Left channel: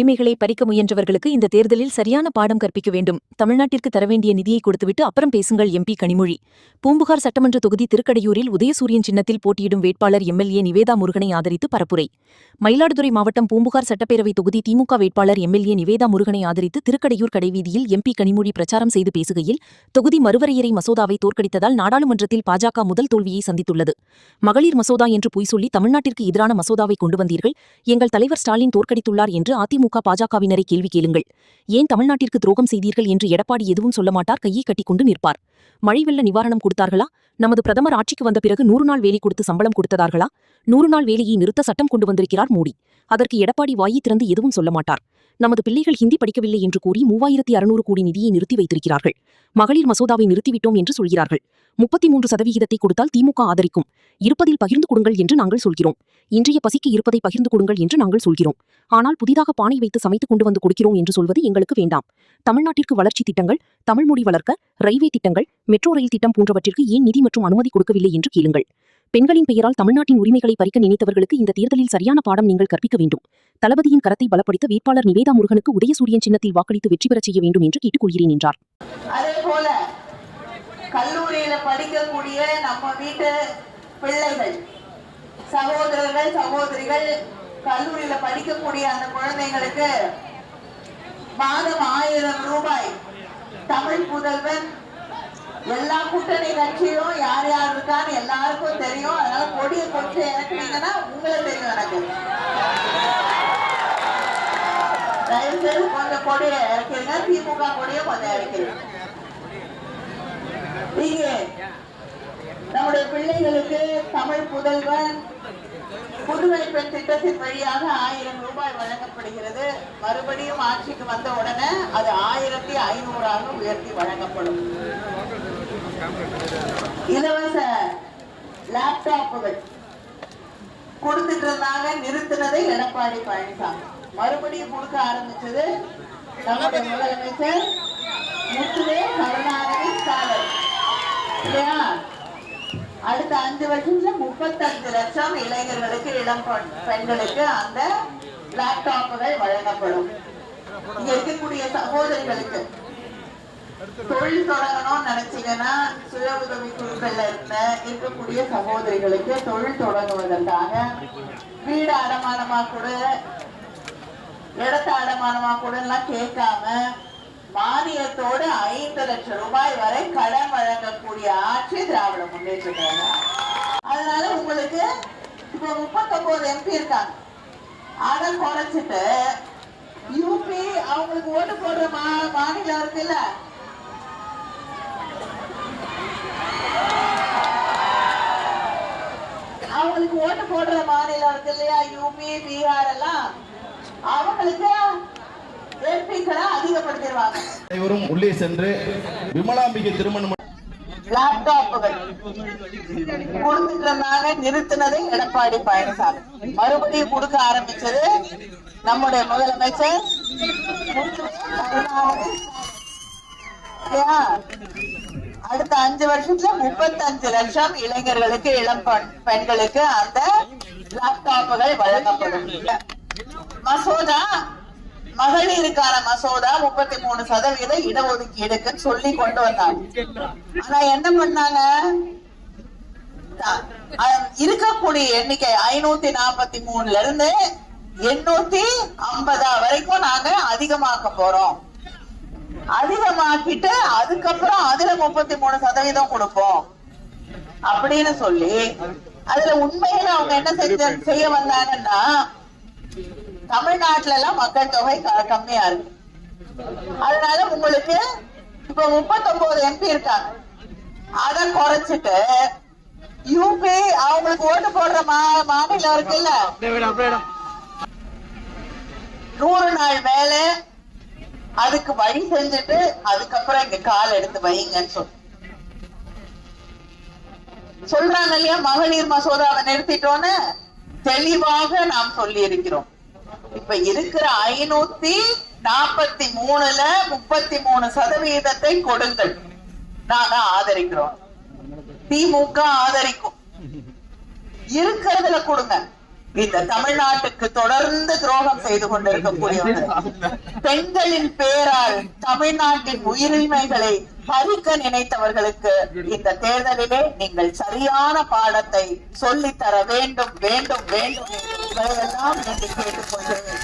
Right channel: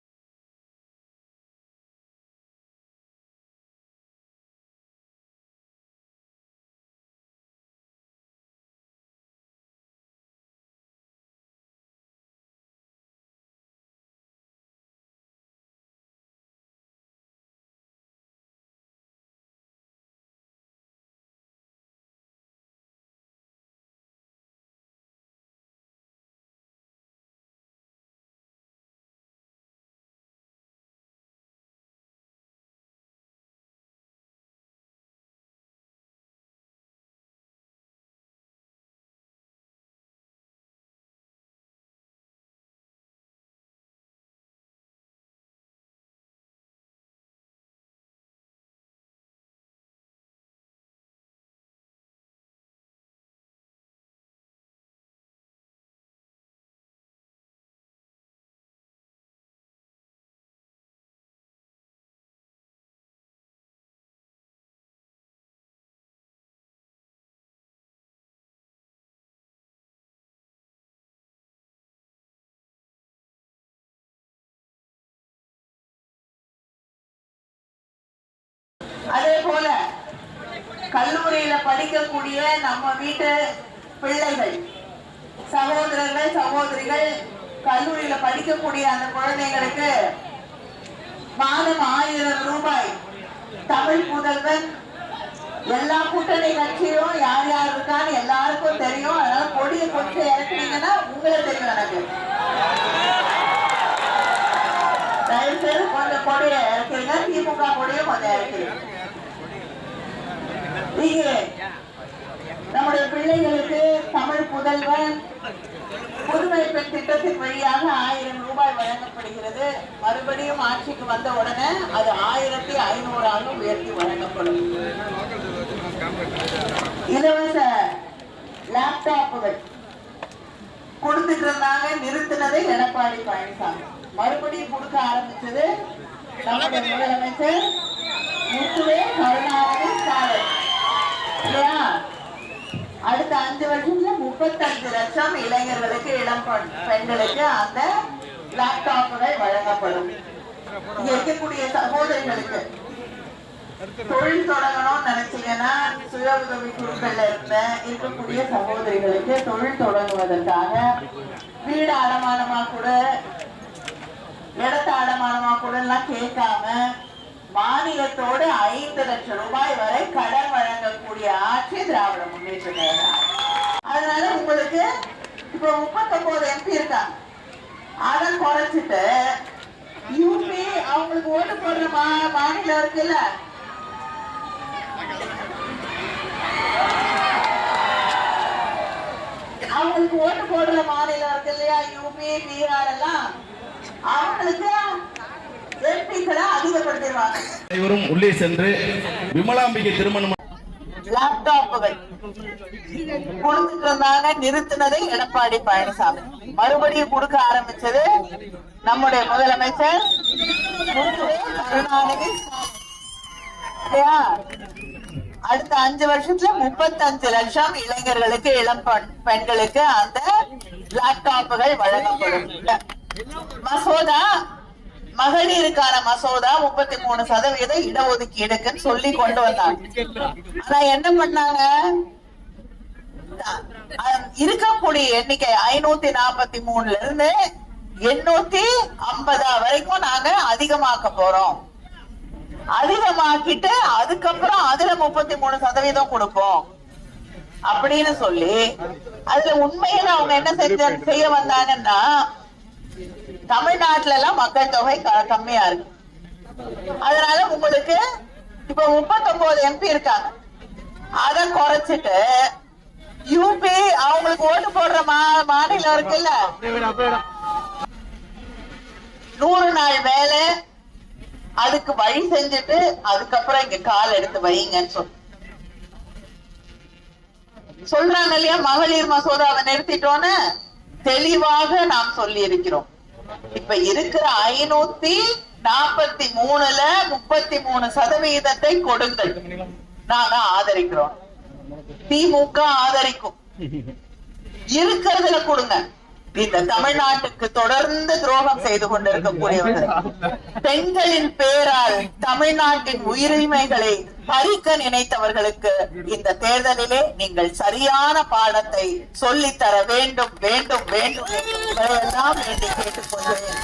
உரிமைகளை பறிக்க முயன்றவர்களுக்கு இந்த தேர்தலில் சரியான பாடம் கற்பிக்க வேண்டும். தமிழ்நாட்டிற்கு தரவேண்டிய நிதியை கொடுத்துவிட்டு அப்புறம் பேசுங்கள். எம்பி கனிமொழி. பூம்புகார் சட்டமன்ற தொகுதி திருக்கடையூரில் உதயசூரியன் சின்னத்தில் போட்டியிடும் வேட்பாளர் எம்எல்ஏ நிவேதா முருகனை ஆதரித்து பரப்புரை. மயிலாடுதுறை மாவட்டம் பூம்புகார் சட்டப்பேரவை தொகுதி திமுக வேட்பாளர் எம்எல்ஏ நிவேதா முருகனை ஆதரித்து திருக்கடையூர் கடைவீதியில் எம்பி கனிமொழி பிரச்சாரம் செய்து பேசுகையில், தொகுதி மறுவரையறை மசோதாவை தோற்கடித்ததால் நாடாளுமன்றத்தில் பாஜக முதல் தோல்வியை சந்தித்துள்ளது. மகளிர் மசோதா என்று பொய் சொல்லி தமிழ்நாட்டிற்கு எதிரான மசோதாவை கொண்டு வந்தீர்கள். எங்கள் தலைவர் ஸ்டாலின் தோற்கடித்துள்ளார் என்று அதிமுக பாஜகவினரை கேள்வி கேளுங்கள். ஏன் தமிழ்நாட்டிற்கு துரோகம் செய்தீர்கள் என்று எடப்பாடி எதுவும் சொல்ல மாட்டார். கையை கட்டிக்கொண்டு நிற்பார். மழை வெள்ள நிவாரணம் கொடுத்தார்களா? நமது பிரதமர் ஆட்சிக்கு வந்த பிறகு 100 நாள் வேலை கொடுத்து சம்பளம் கொடுத்ததார்களா? 100 நாள் வேலையை நிறுத்த சட்டம் கொண்டு வந்திருக்கிறார் மோடி. அதற்கு எடப்பாடி வாயை திறந்து எதுவும் சொல்ல மாட்டார். நமது பிள்ளைகள் ஹிந்தி படிக்கவில்லை என்று கூறி 3600 கோடி நிதியை நிறுத்தி வைத்திருக்கிறார்கள். மகளிர் மசோதாவை நிறுத்திவிட்டோம் என்று சொல்கிறார்கள். 33% கொடுத்தால் திமுக ஆதரிக்கும். இருப்பதில் பகிர்ந்து கொடுங்கள் என்று நாங்கள் சொல்கிறோம். இன்றைய பசிக்கு இருப்பதை பகிர்ந்து கொடுங்கள் என்று நாங்கள் சொல்கிறோம். ஆனால் புதிதாக பானை வைத்து சமைத்து கொண்டு வந்து கொடுக்கிறோம் என்று சொல்வது எங்களுக்கு வேண்டாம். தமிழ்நாட்டிற்கு வளர்ச்சி திட்டங்கள், தமிழ்மொழி வளர்க்க, ரயில்வே திட்டங்கள், மெட்ரோ ரயில் திட்டம் போன்றவற்றிற்கு ஏன் நிதி மற்றும் அனுமதி கொடுக்கவில்லை என்று கேளுங்கள். பெண்களின் பெயரால் தமிழ்நாட்டின் உரிமைகளை பறிக்க நினைத்தவர்களுக்கு இந்த தேர்தலில் சரியான பாடம் நீங்கள் கற்பிக்க வேண்டும். தளபதியின் கரத்தை பலப்படுத்த வேட்பாளர் நிவேதா முருகனுக்கு உதயசூரியன் சின்னத்தில் வாக்களித்து வெற்றி பெறச் செய்ய வேண்டும் என்று கேட்டுக்கொள்கிறேன் என்றார். அதேபோல கல்லூரியில படிக்கக்கூடிய நம்ம வீட்டு பிள்ளைகள், சகோதரர்கள், சகோதரிகள், கல்லூரியில படிக்கக்கூடிய அந்த குழந்தைங்களுக்கு மாதம் 1000 ரூபாய் தமிழ் புதல்வன். எல்லா கூட்டணி கட்சியும் யார் யார் இருக்கான்னு எல்லாருக்கும் தெரியும். அதனால கொடியை கொஞ்சம் இறக்குனீங்கன்னா உங்களுக்கு தெரியும். எனக்கு தயவு செய்து கொஞ்சம் கொடியை இறக்கிறீங்க. திமுக கொடியை கொஞ்சம் இறக்கிறீங்க. நீங்க நம்முடைய பிள்ளைகளுக்கு தமிழ் புதல்வன் புதுமை பெண் திட்டத்தின் வழியாக 1000 ரூபாய் வழங்கப்படுகிறது. மறுபடியும் ஆட்சிக்கு வந்த உடனே அது 1500 உயர்த்தி வழங்கப்படும். இலவச லேப்டாப்புகள் கொடுத்துட்டு இருந்தாங்க, நிறுத்தினதை எடப்பாடி பழனிசாமி. மறுபடியும் கொடுக்க ஆரம்பிச்சது நம்முடைய முதலமைச்சர் முத்துவே கருணாநிதி ஸ்டாலின் இல்லையா? அடுத்த 5 வருஷத்துல 35 லட்சம் இளைஞர்களுக்கு, இளம் பெண்களுக்கு அந்த லேப்டாப்புகள் வழங்கப்படும். இங்க இருக்கக்கூடிய சகோதரிகளுக்கு தொழில் தொடங்கணும்னு நினைச்சீங்கன்னா, சுய உதவி குழுக்கள்ல இருக்கக்கூடிய சகோதரிகளுக்கு தொழில் தொடங்குவதற்காக வீடு அடமானமா கூட, இடத்த அடமானமா கூட எல்லாம் கேட்காம மானியத்தோடு 5 லட்சம் ரூபாய் வரை கடன் வழங்கக்கூடிய ஆட்சி திராவிட முன்னேற்ற கழகம். அதனால உங்களுக்கு இப்ப 39 எம்பி இருக்காங்க. அதை குறைச்சிட்டு யூபி அவங்களுக்கு ஓட்டு போடுற மாநிலம் இருக்குல்ல, அவங்களுக்கு ஓட்டு போடுற மாநிலம் இருக்கு இல்லையா, யூபி, பீகார் எல்லாம், அவங்களுக்கு எம்பிக்களை அதிகப்படுத்திடுவாங்க. உள்ளே சென்று விமலாம்பிகை திருமணம் லேப்டாப்புகள் கொடுத்துட்டு இருந்தாங்க, நிறுத்தினதை எடப்பாடி பழனிசாமி. மறுபடியும் கொடுக்க ஆரம்பிச்சது நம்முடைய முதலமைச்சர் கருணாநிதி. அடுத்த 5 வருஷத்துல 35 லட்சம் இளைஞர்களுக்கு, இளம் பெண்களுக்கு அந்த லேப்டாப்புகள் வழங்கப்படும். மசோதா, மகளிருக்கான மசோதா 33% இடஒதுக்கீடுக்குன்னு சொல்லி கொண்டு வந்தாங்க. ஆனா என்ன பண்ணாங்க, இருக்கக்கூடிய எண்ணிக்கை 543 இருந்து 850 வரைக்கும் நாங்க அதிகமாக்க போறோம். அதிகமாக்கிட்டு அதுக்கப்புறம் அதுல 33% கொடுப்போம் அப்படின்னு சொல்லி, அதுல உண்மையில அவங்க என்ன செய்ய வந்தாங்கன்னா, தமிழ்நாட்டுல எல்லாம் மக்கள் தொகை கம்மியா இருக்கு. அதனால உங்களுக்கு இப்ப 39 எம்பி இருக்காங்க. அதை குறைச்சிட்டு யூபி அவங்களுக்கு ஓட்டு போடுற மாநிலம் இருக்குல்ல, 100 நாள் வேலை, அதுக்கு வழி செஞ்சுட்டு அதுக்கப்புறம் இங்க கால் எடுத்து வைங்கன்னு சொல்றாங்க இல்லையா. மகளிர் மசோதாவை நிறுத்திட்டோன்னு தெளிவாக நாம் சொல்லி இருக்கிறோம். இப்ப இருக்கிற 543ல 33% கொடுங்கள், நாங்க ஆதரிக்கிறோம். திமுக ஆதரிக்கும். இருக்கிறதுல கொடுங்க. இந்த தமிழ்நாட்டுக்கு தொடர்ந்து துரோகம் செய்து கொண்டிருக்கக்கூடியவர்கள், பெண்களின் பேரால் தமிழ்நாட்டின் உரிமைகளை பறிக்க நினைத்தவர்களுக்கு இந்த தேர்தலிலே நீங்கள் சரியான பாடத்தை சொல்லித்தர வேண்டும் வேண்டும் வேண்டும் என்று உங்களையெல்லாம் என்று கேட்டுக்கொள்கிறேன்.